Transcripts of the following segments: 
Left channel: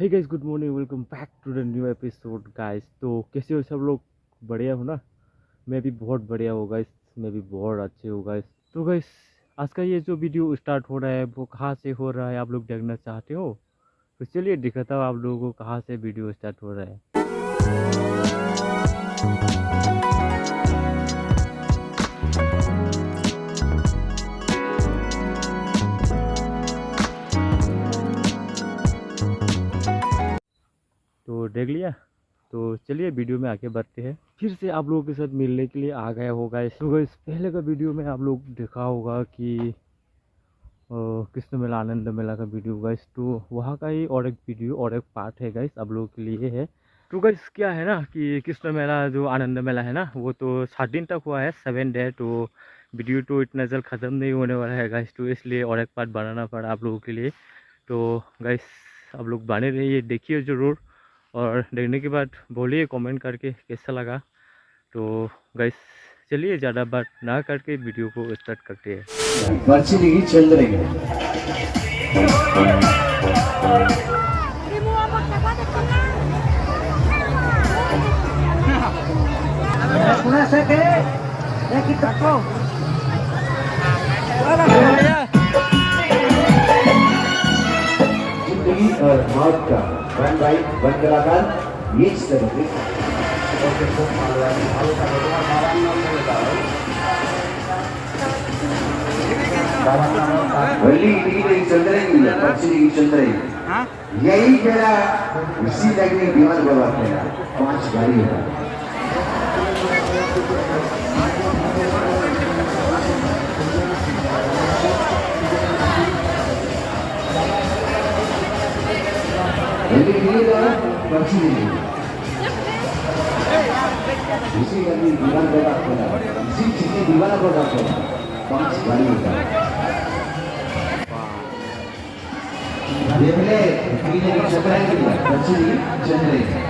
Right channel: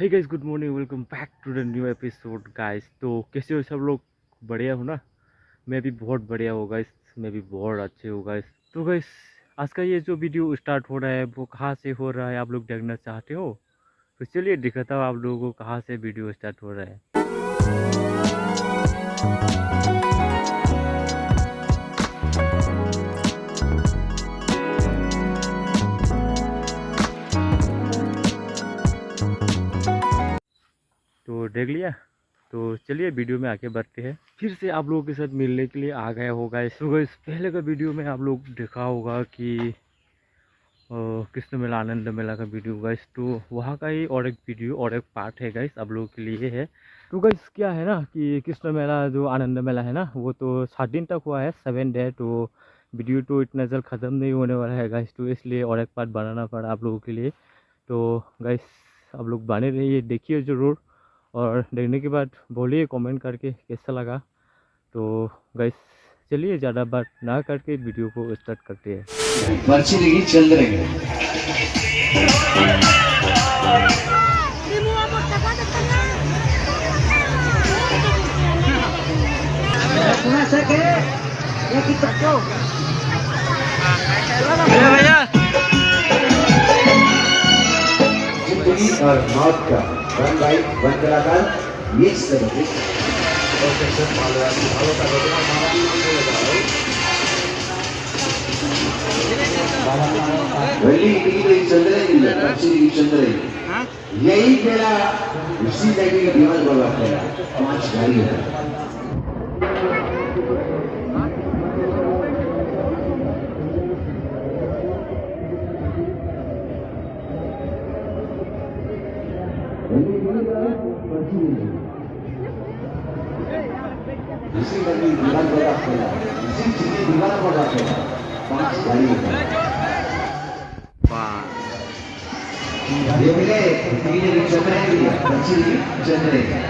Hey guys, good morning. Welcome back to the new episode guys. तो कैसे हो सब लोग? बढ़िया हो ना? मैं भी बहुत बढ़िया हूँ गाइस। मैं भी बहुत अच्छे हूँ गाइस। तो गाइस, आज का ये जो वीडियो स्टार्ट हो रहा है वो कहाँ से हो रहा है आप लोग देखना चाहते हो? तो चलिए दिखाता हूँ आप लोगों को कहाँ से वीडियो स्टार्ट हो रहा है। तो देख लिया? तो चलिए वीडियो में आगे बढ़ते हैं। फिर से आप लोगों के साथ मिलने के लिए आ गया होगा। तो गाइस, पहले का वीडियो में आप लोग देखा होगा कि कृष्ण मेला आनंद मेला का वीडियो गाइस। तो वहाँ का ही और एक वीडियो और एक पार्ट है गाइस, आप लोगों के लिए है। तो गाइस क्या है ना कि कृष्ण मेला जो आनंद मेला है ना, वो तो 7 दिन तक हुआ है, 7 डे। तो वीडियो तो इतना जल्द ख़त्म नहीं होने वाला है गाइस, तो इसलिए और एक पार्ट बनाना पड़ा आप लोगों के लिए। तो गाइस, आप लोग बने रहिए, देखिए ज़रूर, और देखने के बाद बोलिए कमेंट करके कैसा लगा। तो गाइस चलिए ज़्यादा बात ना करके वीडियो को स्टार्ट करते हैं। वर्षिणी चंद्रगे जिंदगी और मौत का वन बाई वन कलाकार ये सब वली टीवी चंद्रगी वर्षिणी चंद्रगी यही तेरा इसी टाइम में विमान बोला तेरा 5 गाड़ी होता वली टीवी का वर्षिणी इसी गाड़ी विमान बोला तेरा इसी चिट्ठी विमान बोला तेरा 5 गाड़ी होता ये मिले टीवी चंद्रगी वर्षिणी चंद्रगी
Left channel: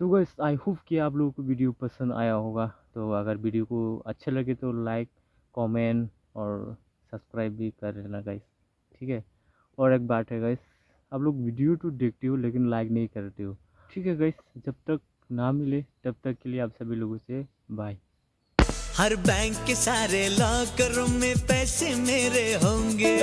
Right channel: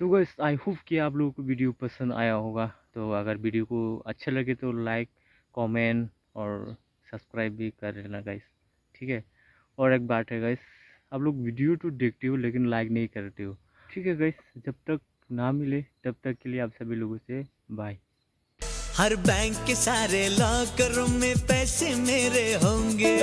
तो गाइस आई होप कि आप लोगों को वीडियो पसंद आया होगा। तो अगर वीडियो को अच्छा लगे तो लाइक, कमेंट और सब्सक्राइब भी कर लेना गाइस, ठीक है। और एक बात है गाइस, आप लोग वीडियो तो देखते हो लेकिन लाइक नहीं करते हो। ठीक है गाइस, जब तक ना मिले तब तक के लिए आप सभी लोगों से बाय। हर बैंक के सारे लॉकरों में पैसे मेरे होंगे।